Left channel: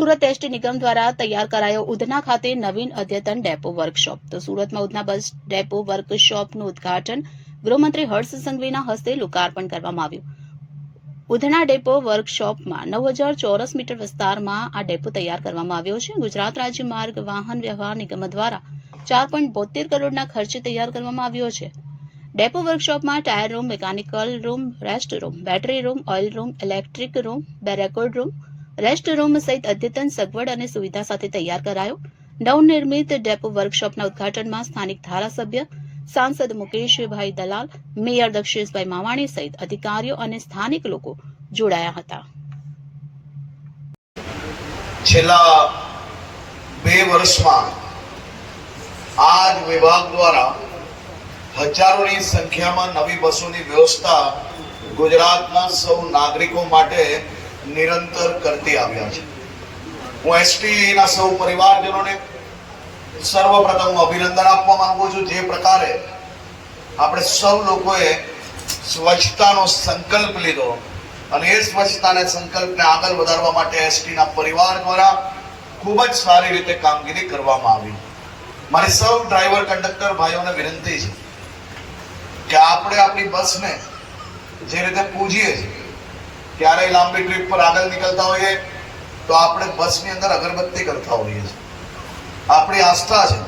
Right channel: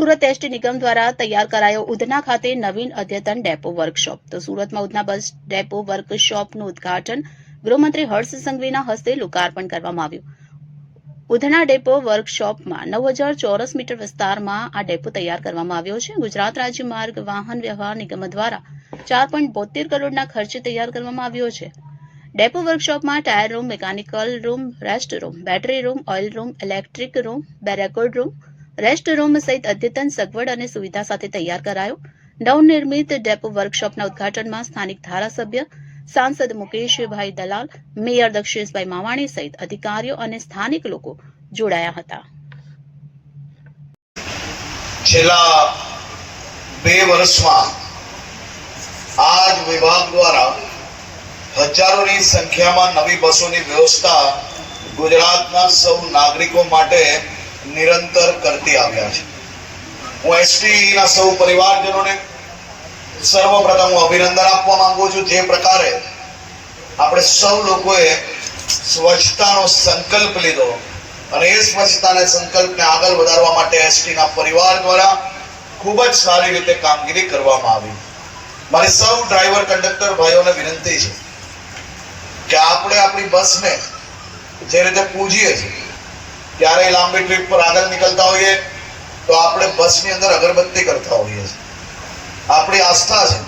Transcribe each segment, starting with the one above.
Surat ST નિગમ દ્વારા તૈયાર કરાયો ઉધના ખાતે નવીન અદ્યતન ડેપો વર્કશોપ. તો સુરતમાં ઉધના બસ ડેપો વર્કશોપનું ઉદ્ઘાટન ગૃહમંત્રી હર્ષ સંઘવીના હસ્તે લોકાર્પણ કરવામાં આવ્યું. ઉધના ડેપો વર્કશોપમાં 9000 ચોરસ મીટર વિસ્તારમાં આ ડેપો તૈયાર કરવામાં આવ્યો છે. ગુજરાત રાજ્ય માર્ગ વાહન વ્યવહાર નિગમ દ્વારા 4.72 કરોડના ખર્ચે તૈયાર કરવામાં આવ્યો છે. ડેપો વર્કશોપમાં tyre room, mechanical room, rest room, battery room, oil room, electric room, બેરેકોડ રૂમ, રેસ્ટ રૂમ સહિત અદ્યતન સગવડ અને સુવિધા સાથે તૈયાર કરાયો. નવનિર્મિત ડેપો વર્કશોપના ઉદ્ઘાટનમાં સ્થાનિક ધારાસભ્ય સાંસદ મુકેશભાઈ દલાલ, મેયર દક્ષેશભાઈ માવાણી સહિત અધિકારીઓ અને સ્થાનિક લોકો જોડાયા હતા. છેલ્લા 2 વર્ષમાં આ જ વિભાગ દ્વારા હજારોની સંખ્યામાં નવી બસોની વ્યવસ્થા ગુજરાતના સૌ નાગરિકો માટે નિરંતર કરતી આવ્યા છે. હું એસટી ના સૌ પરિવારજનોને સર્વપ્રથમ અભિનંદન આપવા માંગુ છું. જે પ્રકારે આપણે સૌ લોકોએ સ્વચ્છતાનો સંકલ્પ લીધો અને એ સ્વચ્છતાના સંકલ્પને આગળ વધારવા માટે એસટી ના પરિવાર દ્વારા ખૂબ જ સારી રીતે કામગીરી કરવામાં આવી. મારી સૌ ડ્રાઈવર કંડક્ટર ભાઈઓને વિનંતી છે કે આપણે આપણી બસને જે રીતે પૂજીએ છીએ, ત્યારે લાંબી ટ્રીપ પર આગળ નીકળતા હોઈએ તો આપણે બસની અંદર અગરબત્તી કરતા હોઈએ છીએ. આપણી આસ્થા છે,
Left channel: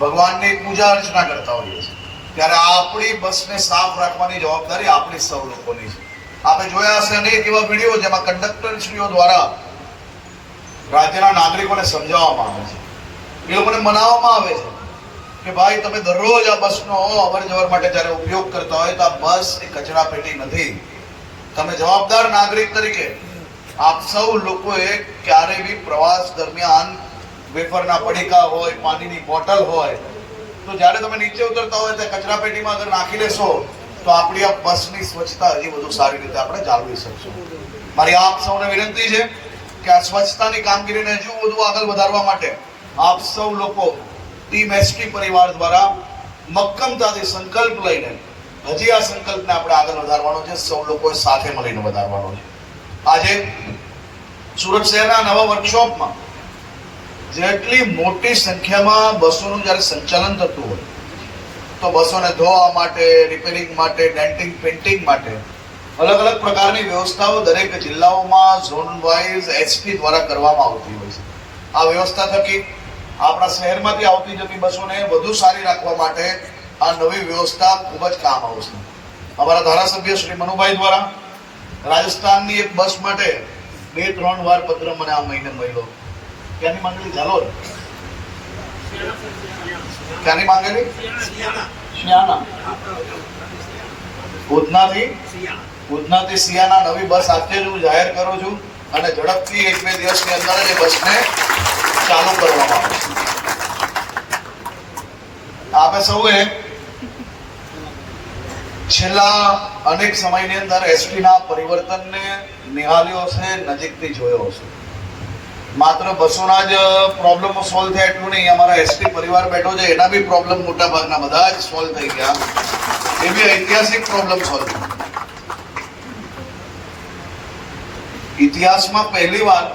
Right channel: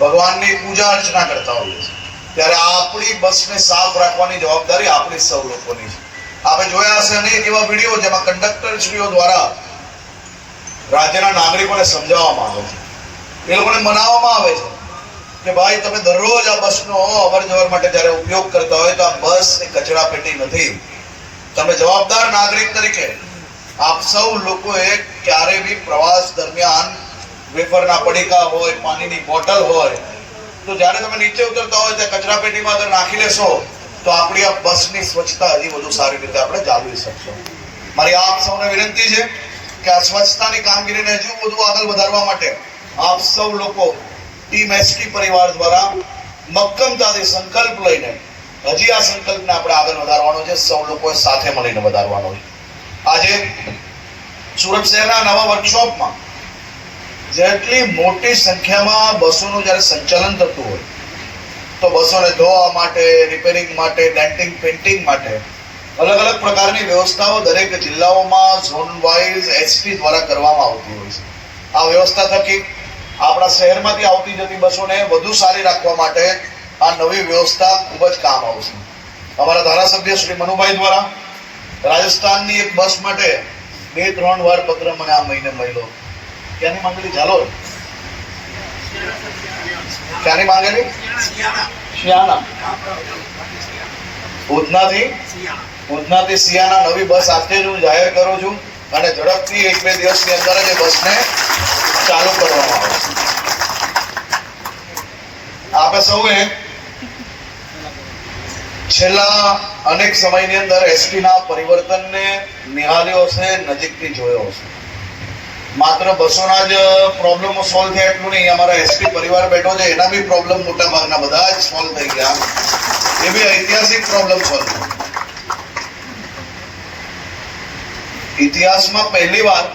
ભગવાનની પૂજા અર્ચના કરતા હોઈએ છીએ, ત્યારે આપણી બસને સાફ રાખવાની જવાબદારી આપણી સૌ લોકોની છે. આપણે જોયા હશે અનેક એવા વિડીયો જેમાં કંડક્ટરશ્રીઓ દ્વારા રાજ્યના નાગરિકોને સમજાવવામાં આવે છે, એ લોકોને મનાવવામાં આવે છે કે ભાઈ તમે દરરોજ આ બસનો અવર જવર માટે જ્યારે ઉપયોગ કરતા હોય તો આ બસ એ કચરા પેટી નથી. તમે જવાબદાર નાગરિક તરીકે આપ સૌ લોકોએ ક્યારે બી પ્રવાસ દરમિયાન વેફરના પડીકા હોય, પાણીની બોટલ હોય, તો જ્યારે તમે નીચે ઉતરતા હોય તો કચરા પેટીમાં અગર નાખી લેશો તો આપણી આ બસની સ્વચ્છતા હજી વધુ સારી રીતે આપણે જાળવી શકશું. મારી આપ સૌને વિનંતી છે કે આ સ્વચ્છતાની કામગીરીને હજુ વધુ આગળ વધારવા માટે આપ સૌ લોકો ટીમ એસટી પરિવાર દ્વારા મક્કમતાથી સંકલ્પ લઈને હજી આ સંકલ્પને આપણે આગળ વધારવાનો છે. સૌ લોકો સાથે મળીને વધારવાનો છે. આજે સુરત શહેરના નવા વર્કશોપમાં જેટલી મોટી સંખ્યામાં બસોનું જ્યારે સંચાલન થતું હોય તો બસોને ધોવા માટે, રિપેરિંગ માટે, ડેન્ટિંગ પેઇન્ટિંગ માટે અલગ અલગ પ્રકારની વ્યવસ્થાઓ દરેક જિલ્લાઓમાં ઝોન વાઇઝ એસટી દ્વારા કરવામાં આવતી હોય છે. આ વ્યવસ્થા થકી આપણા શહેરમાંથી આવતી જતી બસોને વધુ સારી રાખવા માટે આ નવી વ્યવસ્થા ખૂબ જ કામ આવશે. અમારા ધારાસભ્ય શ્રી મનુભાઈ દ્વારા રાજસ્થાનની એક બસ માટે 2-3 વાર પત્ર મને આ મહિને મળ્યો. ક્યાંની માંગેલી? ઝાલોદ. ક્યાંની માંગેલી? શિયાણા. ઉધનાથી શિયાણા નવી બસ આજે જ હું જાહેર કરું છું અને ઝડપથી 1-2 દિવસની અંદર જ એ બસને ચાલુ કરવામાં આવે. આપણે સૌએ છેલ્લા અનેક સમયની અંદર એસટી ના પરિવર્તનને નિહાળ્યો છે, નજીકથી જોયો છે. માત્ર બસોના જ પ્રોબ્લેમો સોલ્વ થયા એટલું નહીં, અમારા એસટી પરિવાર બેઠો છે એના બી પ્રોબ્લેમ મોટા ભાગના બધા જ સોલ્વ થઈ ગયા. એ બી ઐતિહાસિક પ્રોબ્લેમ સોલ્વ. ઇતિહાસમાં પહેલી વાર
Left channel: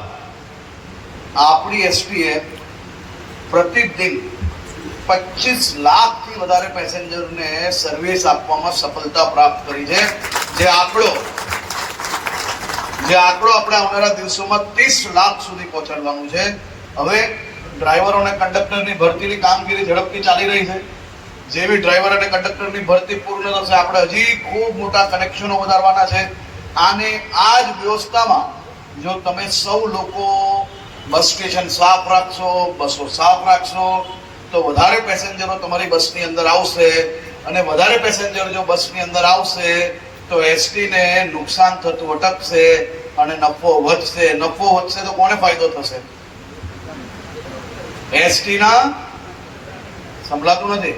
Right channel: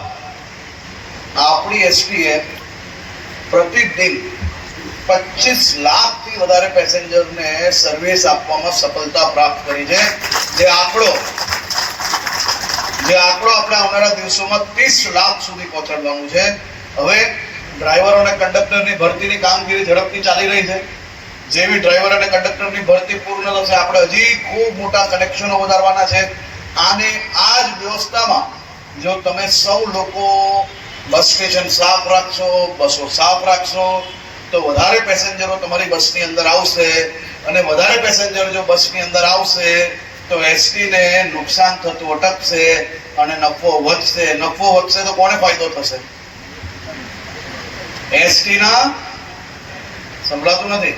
આપણી એસટીએ પ્રતિદિન 25 લાખથી વધારે પેસેન્જરને સર્વિસ આપવામાં સફળતા પ્રાપ્ત કરી છે. જે આંકડો આપણે આવનારા દિવસોમાં 30 લાખ સુધી પહોંચાડવાનું છે. હવે ડ્રાઈવરો અને કંડક્ટરની ભરતીની કામગીરી ઝડપથી ચાલી રહી છે. જેવી ડ્રાઈવર અને કંડક્ટરની ભરતી પૂર્ણ થશે આપણે હજી ખૂબ મોટા કનેક્શનો વધારવાના છે. આની આ જ વ્યવસ્થામાં જો તમે સૌ લોકો બસ સ્ટેશન સાફ રાખશો, બસો સાફ રાખશો તો વધારે પેસેન્જરો તમારી બસની અંદર આવશે અને વધારે પેસેન્જર જો બસની અંદર આવશે તો એસટીને નુકસાન થતું અટકશે અને નફો વધશે. નફો વધશે તો કોને ફાયદો થશે? એસટીના. સંભળાતું નથી?